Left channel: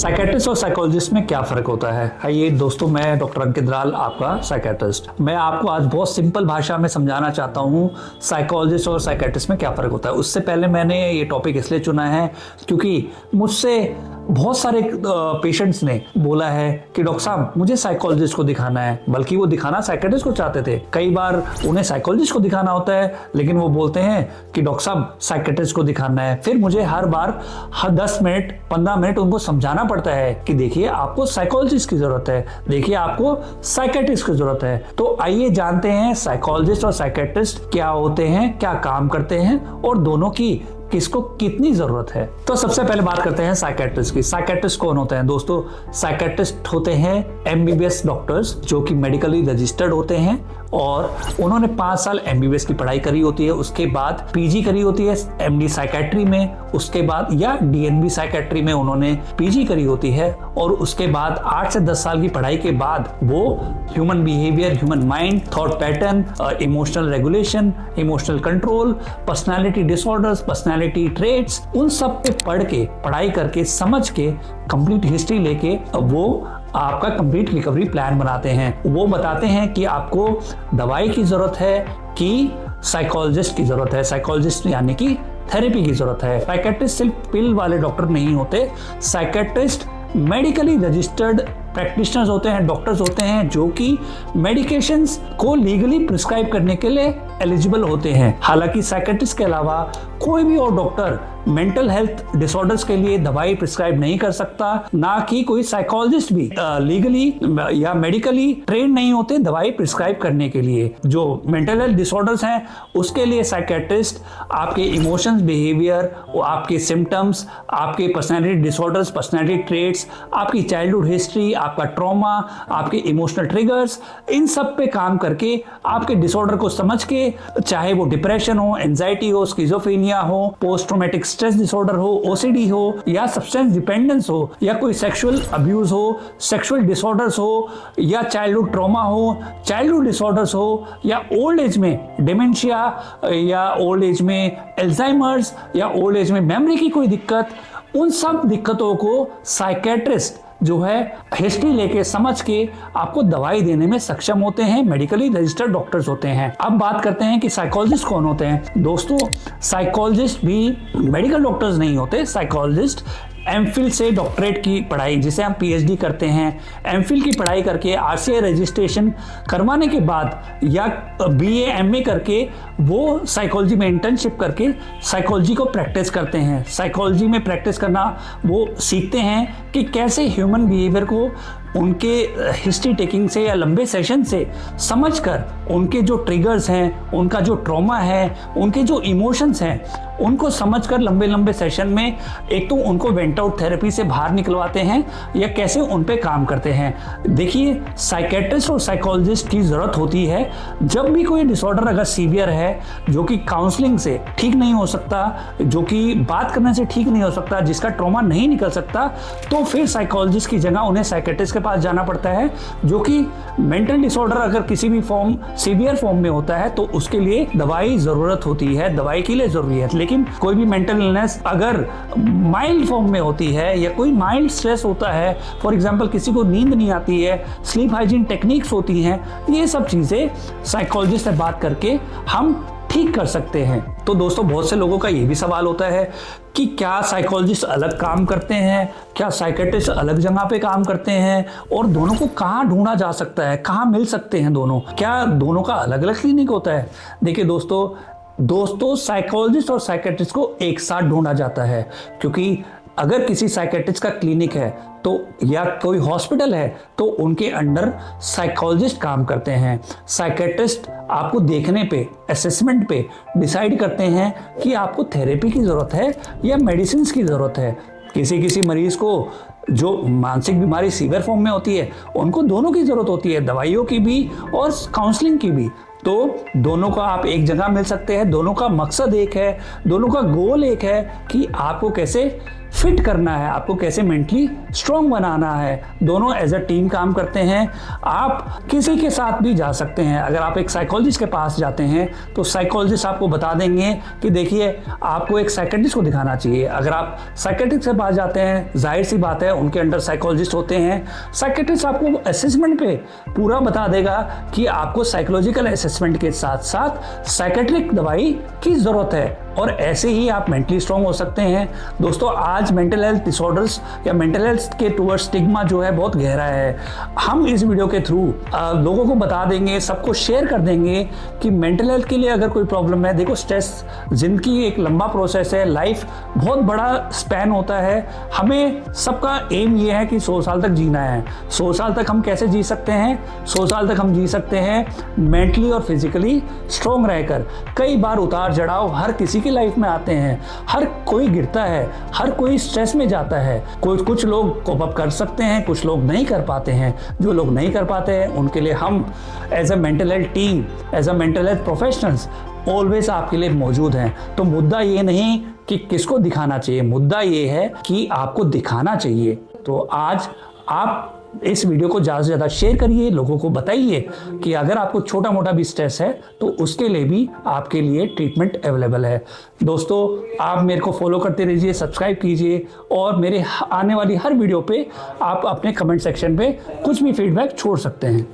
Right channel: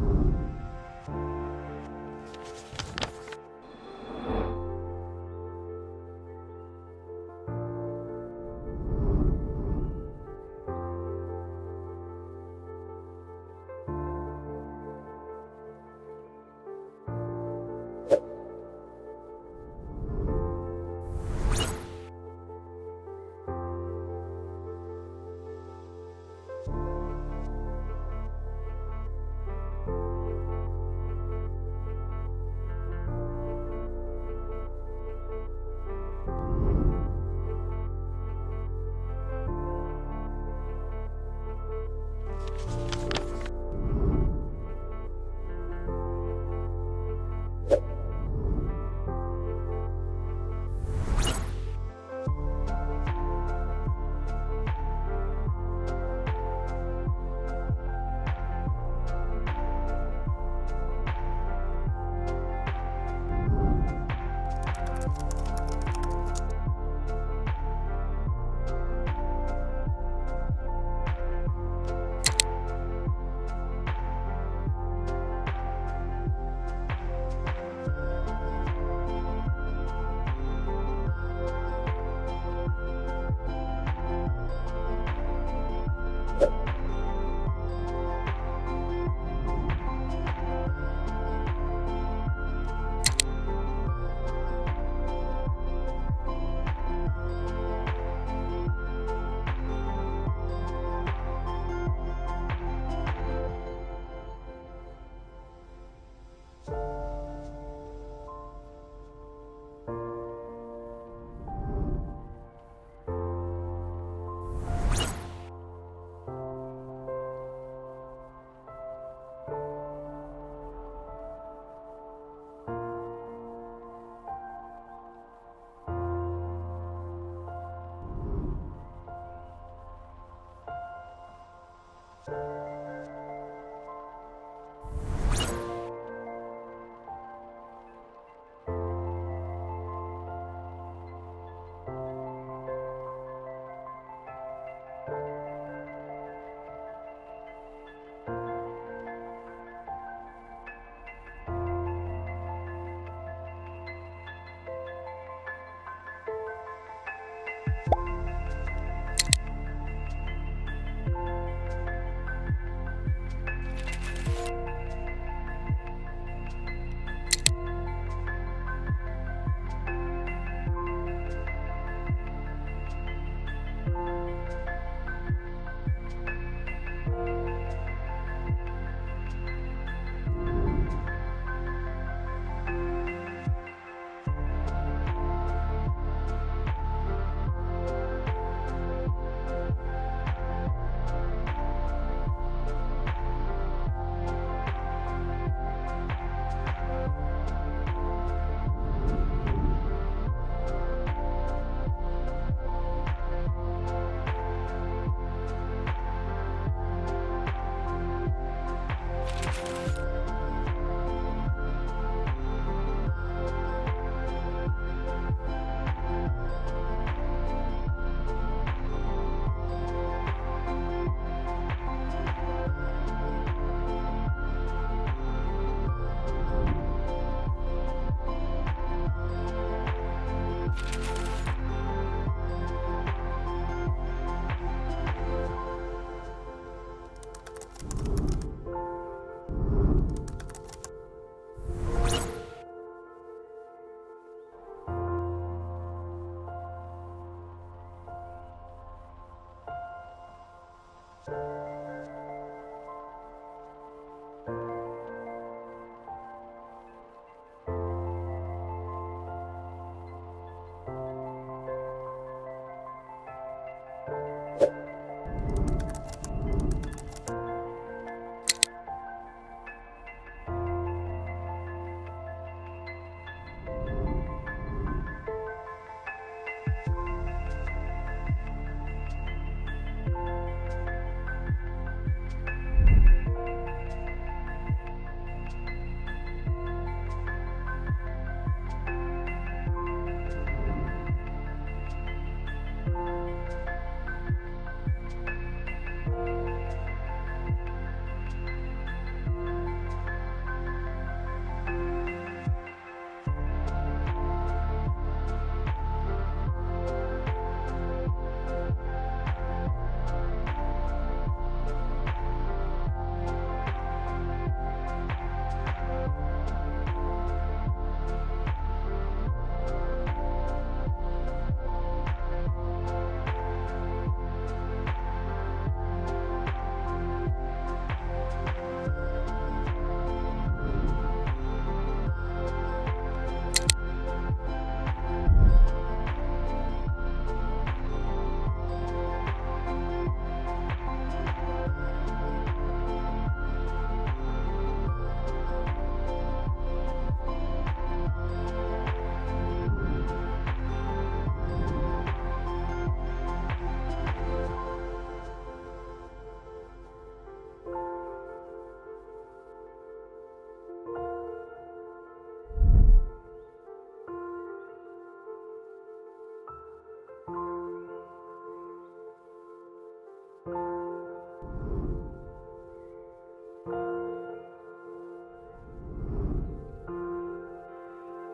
Psychiatrist और psychologist में क्या फ़र्क होता है? आइए दोस्तों, मैं डॉक्टर अंकित राल, आपका साइकेट्रिस्ट। मैं आपको आज बहुत सिंपल भाषा में समझाना चाहता हूँ साइकोलॉजिस्ट और साइकेट्रिस्ट में क्या फ़र्क होता है। उससे पहले मैंने ये टॉपिक इसलिए चुना है क्योंकि मुझसे बहुत सारे पेशेंट्स ने बोला है कि डॉक्टर साहब मुझे साइकोलॉजिस्ट को दिखाना है, बल्कि वो दिखाना साइकेट्रिस्ट को चाहते थे। कई बार उन्हें साइकोलॉजिस्ट को दिखाना होता है, लेकिन वो बोलते हैं कि डॉक्टर साहब साइकेट्रिस्ट को दिखाना है। फिर मुझे हर बार 10 मिनट 15 मिनट उनको समझाना पड़ता है कि देखिए आपको साइकोलॉजिस्ट की जरूरत है, देखिए आपको साइकेट्रिस्ट की जरूरत है। तो आइए जानते हैं साइकोलॉजिस्ट और साइकेट्रिस्ट क्या होते हैं, क्या काम करते हैं और दोनों की किसको कितनी जरूरत है। तो सबसे पहले बात करते हैं साइकेट्रिस्ट की। साइकेट्रिस्ट कौन होते हैं दोस्तों? साइकेट्रिस्ट होते हैं एमबीबीएस डॉक्टर्स जो कि मेडिकली रजिस्टर्ड होते हैं और उन्होंने 5 साल एमबीबीएस की पढ़ाई करी होती है, उसके बाद पीजी करी होती है एमडी साइकेट्री में, उसके बाद या डीएनबी साइकेट्री में उन्होंने पीजी करी होती है और उसके बाद 8 से 10 साल की पढ़ाई के बाद वो human behaviour, human mind, thought pattern, emotional regulation, emotional control, personality disorders, personality traits, उन सब पे पढ़ के, पढ़ाई करके, समझ के, कंप्लीट हिस्ट्री लेके वो आपका कंप्लीट रिकवरी प्लान बनाते हैं। वो बताते हैं कि आपको दवाई की जरूरत है कि साइकोलॉजिस्ट की जरूरत है, साइकोलॉजिस्ट यानी कि थेरेपी की जरूरत है। साइकेट्रिस्ट सिर्फ पिल वाले डॉक्टर नहीं होते, साइकेट्रिस्ट मेडिकली रजिस्टर्ड प्रैक्टिशनर्स होते हैं, डॉक्टर्स होते हैं जो कि मेडिकेशंस को लीगली प्रिस्क्राइब करने के लिए एलिजिबल होते हैं। हालांकि साइकेट्रिस्ट के अलावा कोई भी और डॉक्टर मेंटल हेल्थ डिसऑर्डर्स के लिए दवाई प्रिस्क्राइब नहीं कर सकता, ना कि कोई साइकोलॉजिस्ट भी लीगली या मेडिकली ट्रेन नहीं होते दवाई प्रिस्क्राइब करने के लिए। जो मेंटल हेल्थ डिसऑर्डर्स हैं उसके लिए साइकेट्रिस्ट आपके इमोशंस, बिहेवियर, आपके सिम्टम्स, आपके पर्सनैलिटी डिसऑर्डर्स, पर्सनैलिटी ट्रेट्स, आपकी चाइल्डहुड हिस्ट्री, आपका ट्रॉमा, आपके इमोशनल ट्रिगर्स, इन सब पे काम करके आपके डिसऑर्डर को समझ के, चाहे वो डिप्रेशन हो, एंजाइटी हो, स्किज़ोफ्रेनिया हो, पोस्ट ट्रॉमेटिक स्ट्रेस डिसऑर्डर हो, ओसीडी हो या सब्सटेंस डिपेंडेंस हो या कोई सेक्सुअल अब्यूज हो, सेक्सुअल डिसऑर्डर्स हो या चाइल्डहुड ट्रॉमा हो, चाइल्डहुड डिसऑर्डर्स हो या ओल्ड एज में डिमेंशिया या ओल्ड एज में एल्जाइमर्स या ओल्ड एज में मेमोरी की कोई दिक्कत, उन सब दिक्कतों को साइकेट्रिस्ट जो है हिस्ट्री लेके समझ के आपको दवाई देने में सक्षम होते हैं, मेडिकली रजिस्टर्ड डॉक्टर्स होते हैं। अब बात करते हैं कि साइकोलॉजिस्ट कौन होते हैं। दोस्तों साइकोलॉजिस्ट भी मेडिकल डॉक्टर्स नहीं होते। साइकोलॉजिस्ट एमफिल से डॉक्टरेट की पढ़ाई, जिसे हम पीएचडी करते हैं, एमफिल की पढ़ाई करके आरसीआई रजिस्ट्रेशन करवाने के बाद या बीए एमए करके वो साइकोलॉजी में इंटर्नशिप करके साइकोलॉजी को प्रैक्टिस करते हैं। साइकोलॉजी में प्रैक्टिस करना वो सीखते हैं कि कैसे ह्यूमन बिहेवियर को उनके हिस्ट्री टेकिंग से या लंबे सेशन से समझकर उनके जो ट्रिगर्स हैं, उनका जो ट्रॉमा है, उनके जो इमोशंस हैं, उनको समझकर लंबे लंबे सेशन में एक तो उनको वेंट आउट थेरेपी से बाहर निकलवाते हैं या कैसे उन पे काम करते हैं। देखिए साइकेट्रिस्ट और साइकोलॉजिस्ट की ज़रूरत होती है जब भी कोई डिसऑर्डर अगर सीवियर है जो कि काउंसलिंग से ठीक नहीं हो सकता, जो कि बात करने से ठीक नहीं हो सकता, जिसका ट्रॉमा नहीं निकल सकता, तो फिर साइकोलॉजिस्ट की जगह उन्हें साइकेट्रिस्ट के पास जाना पड़ता है। जो कि मेंटल डिसऑर्डर अगर किसी भी फॉर्म, सीवियर फॉर्म में होता है तो उसके लिए दवाई ज़रूरत होती है, दवाई के लिए ज़रूरी है। लेकिन कोई भी मेंटल इलनेस अगर माइल्ड फॉर्म में होती है या कोई माइल्ड स्ट्रेस होता है, फॉर एग्जांपल किसी को नींद नहीं आती है, स्लीप हाइजीन टेक्निक्स होती हैं, ये सब चीज़ें साइकोलॉजिस्ट से बात करके हम ठीक कर सकते हैं। तो दोस्तों बहुत से लोगों का ये भी सवाल होता है कि क्या साइकोलॉजिस्ट अलग काम करते हैं, क्या साइकेट्रिस्ट अलग जगह पे काम करते हैं और दोनों को कहाँ ढूंढा जा सकता है, कहाँ मिल सकते हैं दोनों, क्या दोनों का अलग अलग क्लिनिक होता है? देखिए दोस्तों साइकोलॉजिस्ट और साइकेट्रिस्ट को एक साथ ढूंढा जाता है, क्योंकि अगर किसी साइकेट्रिस्ट का क्लिनिक है तो या कोई हॉस्पिटल है तो उनके अंडर साइकोलॉजिस्ट काम करते हैं। साइकेट्रिस्ट आपको देखने पे, असेसमेंट पे डिसाइड करते हैं कि आपको थेरेपी की ज़रूरत है या मेडिसिन की ज़रूरत है। किसी मरीज़ को जो मानसिक बीमारी सीवियर फॉर्म में होती है उनको दोनों की ज़रूरत होती है, दवाइयों की भी और काउंसलिंग की भी। तो दोनों का आप एक जगह मिल सकते हैं, दोनों का मकसद एक है, दोनों का गोल एक है कि आपको कैसे फिट करना है, आपको कैसे मेंटली स्ट्रांग बनाना है। दोनों एज अ टीम काम करते हैं। आप किसी के साथ भी जा सकते हैं। अगर आप एक साइकोलॉजिस्ट के पास जाते हैं तो साइकोलॉजिस्ट आपको बता देंगे कि देखिए आपको एक साइकेट्रिस्ट को दिखाना चाहिए। अगर आप साइकेट्रिस्ट के पास जाते हैं, जाहिर सी बात है उनके अंडर साइकोलॉजिस्ट होते हैं। साइकेट्रिस्ट आपको असेसमेंट पे पूरा बता देगा कि आपको साइकोलॉजिकल असेसमेंट के साथ साथ साइकेट्रिक दवाई की ज़रूरत है, और ऐसे ही आप मेंटली स्ट्रांग हो सकते हैं। दोस्तों, आज मेंटल हेल्थ डिसऑर्डर्स या मेंटल हेल्थ के टूवर्ड्स स्टिग्मा जो है बहुत गहरा है। हम इस वीडियो के थ्रू लोगों को बता देंगे, सबको शेयर कर देंगे कि मेंटल हेल्थ के लिए अगर कोई प्रॉब्लम है, देखो स्ट्रेस जिंदगी एक लंबा प्रोसेस है, लाइफ बहुत बड़ा स्पैन होता है। हमें सबका एम ये है कि 100 साल तक जीना है। 100 साल तक हम कैसे जी सकते हैं? 100 साल तक हम जी सकते हैं मेंटली और फिजिकली स्ट्रांग रहकर। कई बार उतार चढ़ाव हर किसी की लाइफ में आते हैं, हर कोई गिरता है, हर कोई स्ट्रेस में जाता है। कुछ लोग कोप अप कर सकते हैं, कुछ लोग नहीं कर पाते हैं। जो लोग नहीं कर पाते हैं उनके लिए हम as a mental health team, as a mental health professionals always आपके लिए मौजूद हैं। तो मुद्दा ये नहीं कि किसको दिखाना चाहिए, मुद्दा ये है कि आपको दिखाना चाहिए। तो आज आप इस वीडियो को ज़्यादा से ज़्यादा शेयर करिए, लोगों को बताइए कि अगर आपको छोटा मोटा भी स्ट्रेस है तो उसके लिए भी आपके लिए ट्रीटमेंट अवेलेबल है। दोस्तों, आप मेरे को फॉलो करते रहिए, सब्सक्राइब कीजिए, और मेरे आने वाली हर वीडियो पे आप अपने कमेंट सेक्शन पे कुछ भी फीडबैक छोड़ सकते हैं।